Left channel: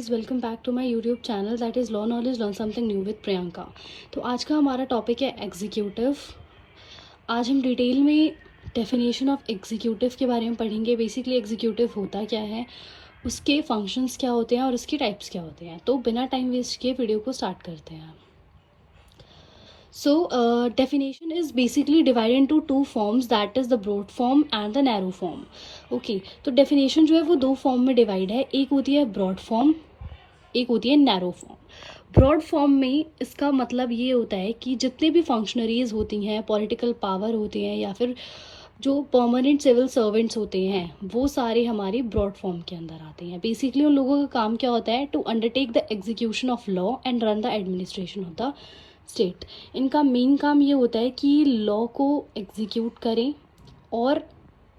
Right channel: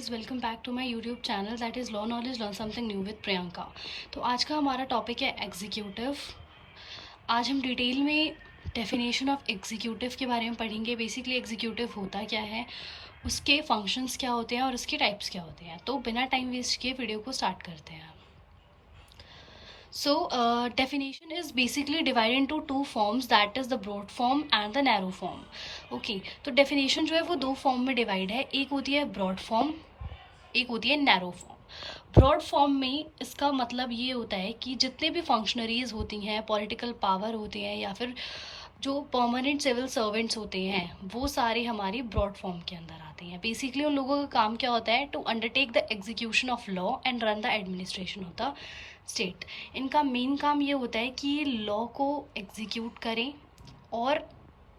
Guys, welcome back to my YouTube channel that is law knowledge learn something new with Priyanka. तो आज का हमारा topic है executive. आज हम डिटेल में डेफिनेशन ऑफ एग्जीक्यूटिव के बारे में पढ़ेंगे। बेसिकली एग्जीक्यूटिव होता क्या है, उसके फंक्शंस क्या होते हैं और उसकी टाइप्स क्या होते हैं। तो बिना टाइम वेस्ट किए वीडियो को स्टार्ट करते हैं। So, definition is basically divided into two forms, that is the broad form and the narrow form. Okay, तो definition जो है वो दो फॉर्म में डिवाइड है। एक होती है broad form, एक होती है नैरो फॉर्म। ब्रॉड फॉर्म में इसका मतलब ये होता है कि जितने भी फंक्शनरीज होती हैं, पॉलिटिकल पावर होती हैं या फिर जो परमानेंट सिविल सर्वेंट्स होते हैं, वो सारे हमारे ब्रॉड फॉर्म के अंदर आते हैं। बेसिकली उन लोगों का काम क्या होता है, to undertake the execution of law and run the administration of the state. इनका मेन काम ये होता है कि लॉ को एग्जीक्यूट करें और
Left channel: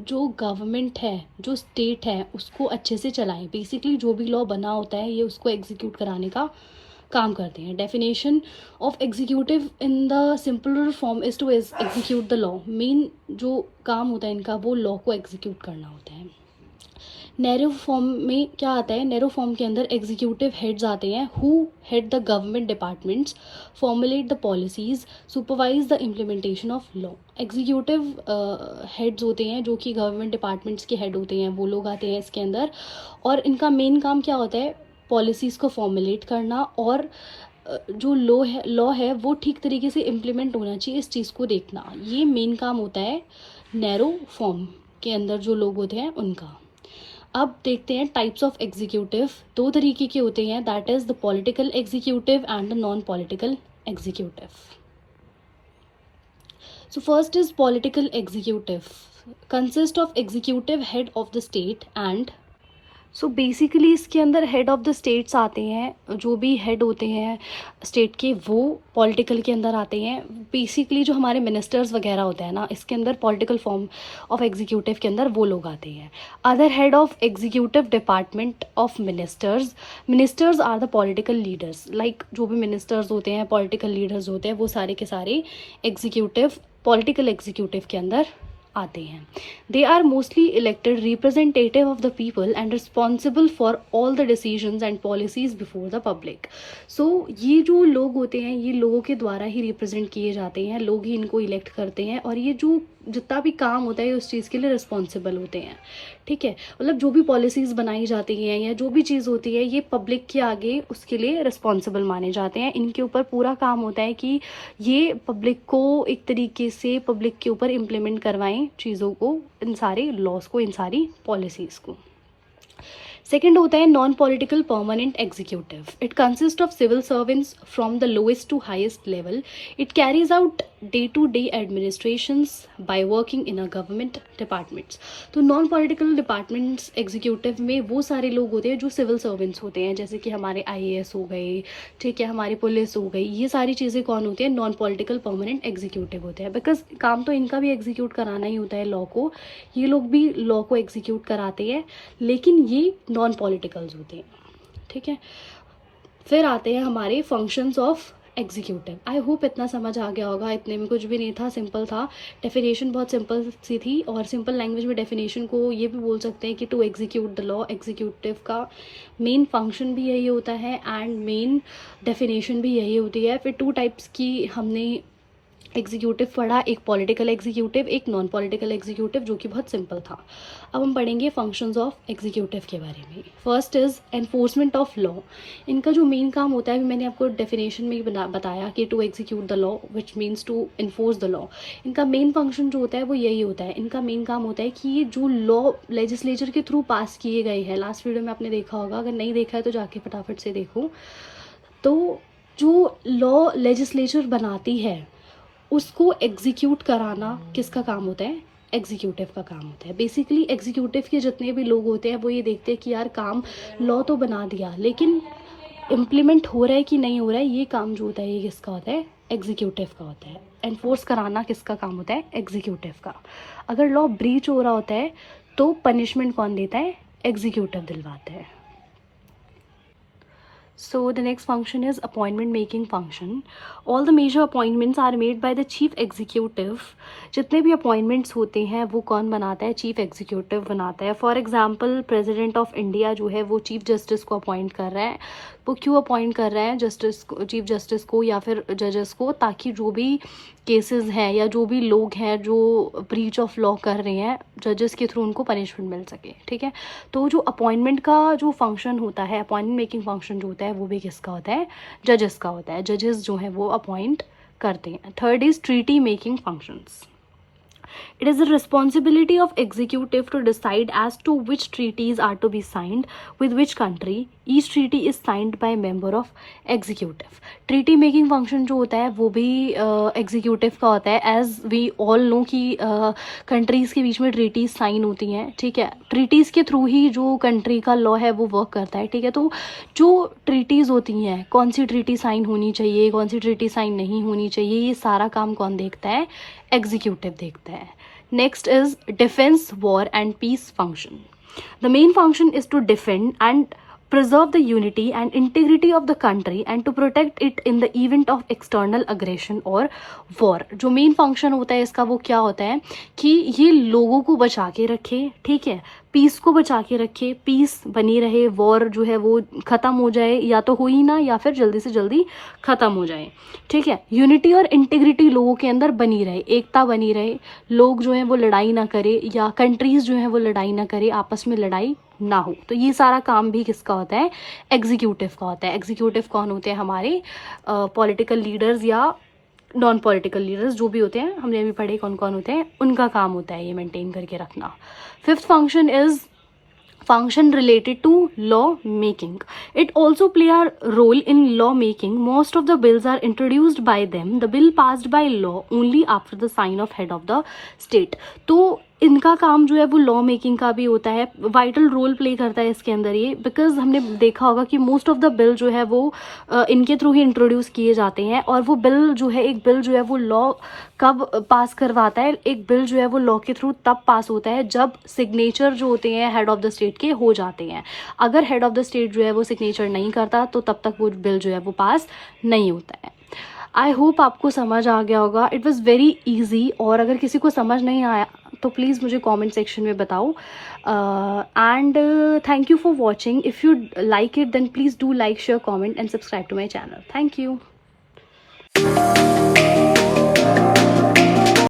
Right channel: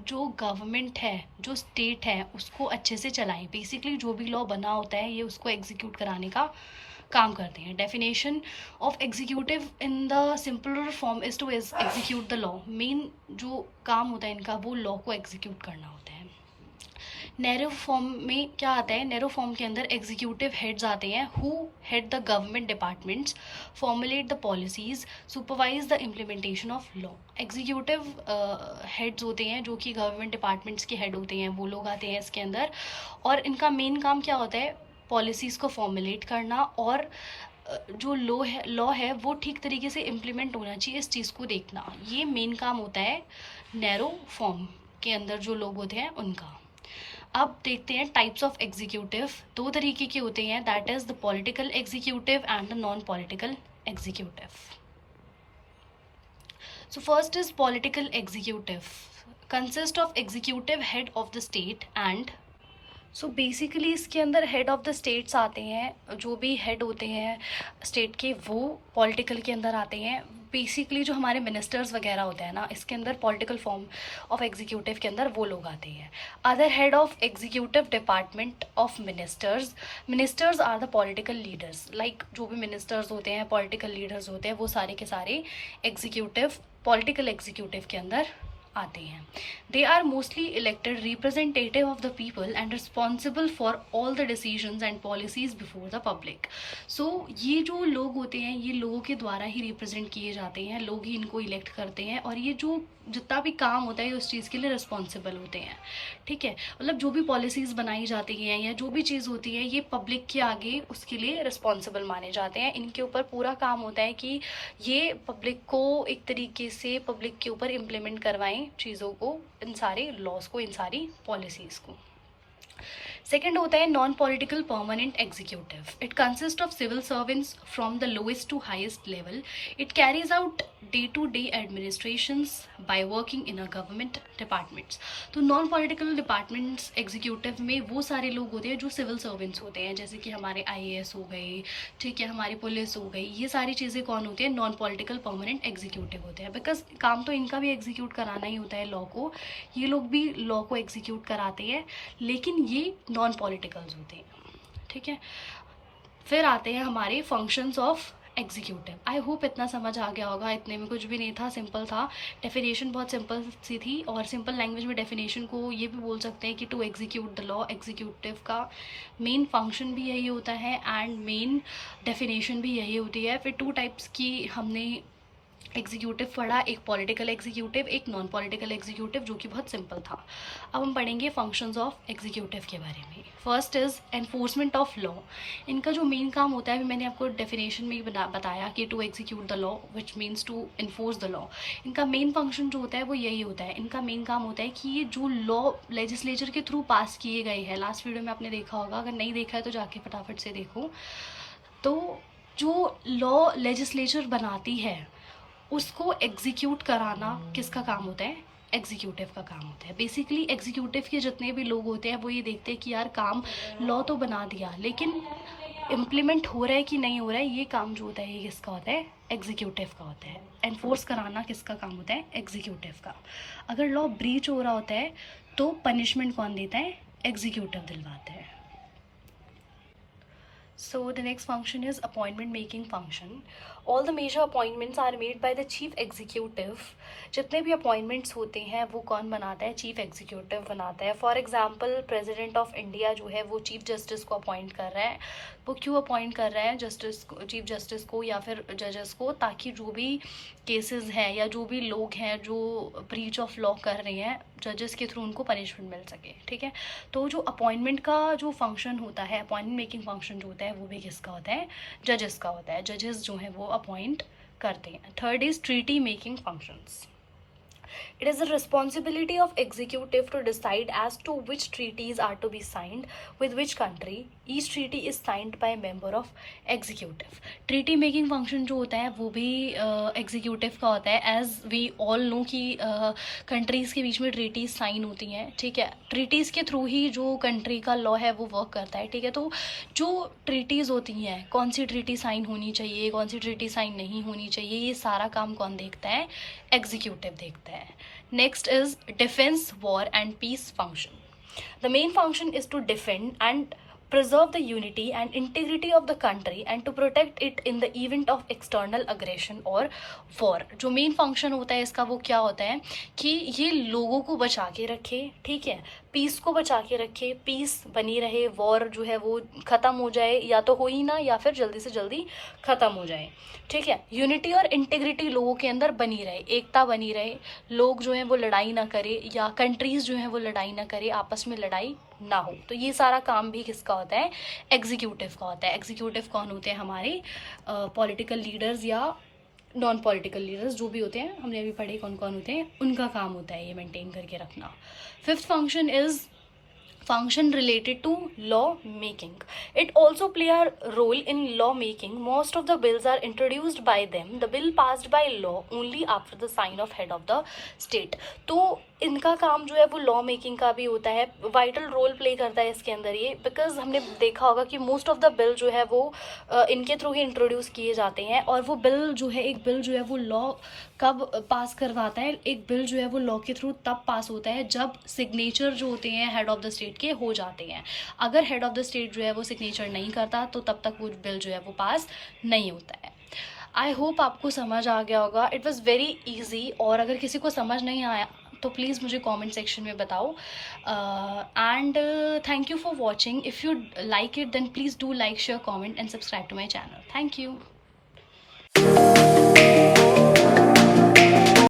जो गवर्नमेंट है, जो स्टेट है, उसको अच्छे से चलाएं। बेसिकली जो भी लॉ बना होता है ये उसको एग्जीक्यूट कराने का काम करते हैं। Definition of executive in the simpler form is to execute the law. Main जो काम होता है इनका, वो लॉ को एग्जीक्यूट करना होता है। नैरो फॉर्म में क्या आता है, नैरो फॉर्म के अंदर एग्जीक्यूटिव हेड्स आते हैं who head the government departments, formulate the policies, supervise the implementation of law. Executive heads होते हैं जो कि गवर्नमेंट डिपार्टमेंट्स के हेड होते हैं, वो लोग आते हैं इसके अंदर। और इनका मेन काम क्या होता है, पॉलिसीज़ को फॉर्मुलेट करना और जो लॉ है वो ठीक तरीके से इम्प्लीमेंट होना चाहिए, इस चीज़ को देखना। ये मेन काम होता है नैरो फॉर्म के अंदर जो लोग होते हैं उनका। अब देखते हैं टाइप्स ऑफ एग्जीक्यूटिव। दो तरीके के होते हैं, that is the political executive and the non political executive. So first is political executive, consist of executive head of the state and. So basically इसके अंदर हेड ऑफ द स्टेट्स आते हैं, जो भी हेड होते हैं स्टेट के वो पॉलिटिकल के अंदर आते हैं। बेसिकली जो हमारे मिनिस्टर्स वगैरह होते हैं ना, इसके अंदर पॉलिटिकल फॉर्म ऑफ एग्जीक्यूटिव के अंदर वो लोग आते हैं। Other head of executive department of ministers, ministers are the political leaders. Like जो भी मिनिस्टर्स होते हैं, पॉलिटिकल लीडर्स होते हैं, वो सारे के सारे एग्जीक्यूटिव, पॉलिटिकल एग्जीक्यूटिव के अंदर आते हैं। They are mostly elected representative of the people and responsible for all the decisions and policies before the public. So ये जो लोग होते हैं ये लोगों के द्वारा ही रिप्रेजेंट किए जाते हैं, लोग ही इनको इलेक्ट करते हैं और ये जो जितना भी काम होता है उस चीज़ के लिए रिस्पॉन्सिबल होते हैं। ठीक है, मतलब जो भी पॉलिसीज़ बनाई जाती हैं या जो भी चीज़ होती है ये पब्लिक के आगे उसके लिए रिस्पॉन्सिबल माने जाते हैं। इनके ऊपर पूरा काम होता है कि ये पब्लिक को एक तरीके से पब्लिक के ऊपर इम्प्लीमेंट करवाएं चीज़ों को, इन सारे लॉज को, इन सारी पॉलिसीज़ को। सेकेंड होता है non political permanent executive. It consist of civil servants from the lowest to highest level. It carries out day to day administrations by working in a government departments. तो non political departments executive में वो सारे लोग होते हैं जो civil servants होते हैं, जैसे कि हमारे आईएएस हो गए, ठीक है, हमारी पुलिस हो गई। ये सारी चीज़ें कौन होती है, नॉन पॉलिटिकल परमानेंट एग्जीक्यूटिव होते हैं। बिकॉज काम तो इनका भी एग्जीक्यूट कराना ही होता है लॉ को, ये लोग भी लॉ को एग्जीक्यूट कराते हैं, लेकिन ये नॉन पॉलिटिकल्स होते हैं। ठीक है, फिर आते हैं हमारे functions of executive. I hope इतना समझ आ गया होगा, इतने में कुछ भी नहीं था, सिंपल था। डेफिनेशन बहुत सिंपल सी थी और सिंपल लैंग्वेज में डेफिनेशन को ये भी बोल सकते हैं कि to execute the law. Executive का मेन फंक्शन भी यही होता है एंड मेन डेफिनेशन भी यही होती है। फिर टू टाइप्स की हमने एग्जीक्यूटिव पढ़ा, एक पॉलिटिकल एग्जीक्यूटिव, एक नॉन पॉलिटिकल एग्जीक्यूटिव, जो कि बहुत सिंपल था। अब हम पढ़ेंगे फंक्शंस ऑफ एग्जीक्यूटिव के बारे में। First is enforcement of law. इनका जो मेन काम होता है, मैंने आपको डेफिनेशन में बताया कि to execute the law which means to enforce the law. इनका मेन फंक्शन जो होता है वो यही होता है। इनका मेन काम होता है कि ये जो लॉ लेजिस्लेचर के थ्रू पास किए गए हैं, लास्ट वीडियो में आपने देखा होगा, अगर नहीं देखा है तो जाके फटाफट से देखो। तो जो लॉ लेजिस्लेचर बनाती है उसको एग्जीक्यूट कराना किसका काम होता है, एग्जीक्यूटिव का काम होता है। बेसिकली एग्जीक्यूटिव के जितने भी लोग होते हैं वो ये देखते हैं कि यार काम लॉ तो बना दिया, लेकिन इम्प्लीमेंट हो रहा है कि नहीं हो रहा है, ये काम जो होता है ये किसका होता है, एग्जीक्यूटिव का होता है। एनफोर्स कराना किसका काम होता है, एग्जीक्यूटिव का। अगर लॉ ब्रीच हो रहा होता है तो पनिशमेंट कौन देता है, एग्जीक्यूटिव दिलवाता है। So the next function is appointment making function. All the major appointments are made by the chief executive जितने भी अपॉइंटमेंट्स होते हैं वो कौन बनाता है, चीफ एग्जीक्यूटिव बनाता है। For example president of India जो है वो चीफ जस्टिस को अपॉइंट कर रहा है। वो क्यों अपॉइंट कर रहा है जस्टिस को, चीफ जस्टिस को या फिर जजेस को, ताकि जो भी केसेस हैं या जो भी लोग हैं जो ब्रीच ऑफ लॉ कर रहे हैं जजेस के थ्रू उनको पनिशमेंट मिल सके, ठीक है। तो जो अपॉइंटमेंट का जो फंक्शन होता है, अपॉइंटमेंट मेकिंग फंक्शन जो होता है वो भी किसका होता है, जजेस का होता है। जजेस जो है वो अपॉइंट करते हैं। Third is treaty making functions. It is the responsibility of executive to decide as to which treaties are to be signed with which country. Each treaty is signed by member of executive. Treaty making function जो होता है वो भी executive का होता है। As we all know कि countries के बीच में treaties sign होती हैं, ठीक है। treaties के थ्रू ही जो country का law है वो work करता है, ठीक है। तो जो treaties होती हैं, कौन सी treaty sign होनी चाहिए, कौन सी treaty sign नहीं होनी चाहिए, ये सारा काम कौन देखता है, executive देखता है। Next is defense, war and peace function. The main function is to defend and preserve the unity and integrity of the country and to protect it in the event of external aggression or war. जो main function होता है इसका वो क्या होता है कि ये लोगों को बचा के रखे, ठीक है, पीस को बचा के रखे, पीस बनी रहे, वॉर जो है वो ख़त्म हो जाए, या तो हो ही ना या फिर जल्दी से जल्दी ख़त्म हो जाए, ठीक है। यूनिटी और इंटीग्रिटी लोगों के अंदर बनी रहे, एकता बनी रहे, लोग जो है वो लड़ाई ना करे या कंट्रीज़ जो है वो लड़ाई ना करे, आपस में लड़ाई ना हो। तो ये सारा काम भी किसका होता है, एग्जीक्यूटिव का होता है। एग्जीक्यूटिव कौन होते हैं, हमारे पॉलिटिकल लीडर्स या नॉन पॉलिटिकल लीडर्स जो भी होते हैं, हमने भी पढ़े कौन कौन होते हैं, उनका काम होता है ये मेंटेन करके रखना। Fifth function is function related to law making. It also play a role in law making. Most of the bills are introduced by them. The bill passed by law only after the sign of head of the state. तो इनका काम जो है वो law making का भी होता है, वाइटल रोल प्ले करता है इसके अंदर ये, बिकॉज हमने देखा होगा कि मोस्ट ऑफ द बिल जो है वो इनके थ्रू ही इंट्रोड्यूस किए जाते हैं। और वो बिल जो है, एक बिल जो है वो लॉ कब पास करवाता है, एक बिल जो है वो लॉ के थ्रू तब पास होता है जब सिग्नेचर जो होते हैं हेड ऑफ द स्टेट के हो जाते हैं। अगर हेड ऑफ द स्टेट जो है वो सिग्नेचर नहीं करता तो तब तक वो बिल जो है वो पास नहीं होता है। आई होप आपको समझ आ गया होगा। It was very easy. और अगर किसी को समझ नहीं आया तो प्लीज़ मुझे कमेंट सेक्शन में बताओ। And thank you for watching. If you like it then please do like, share, comment and subscribe to my channel. Thank you.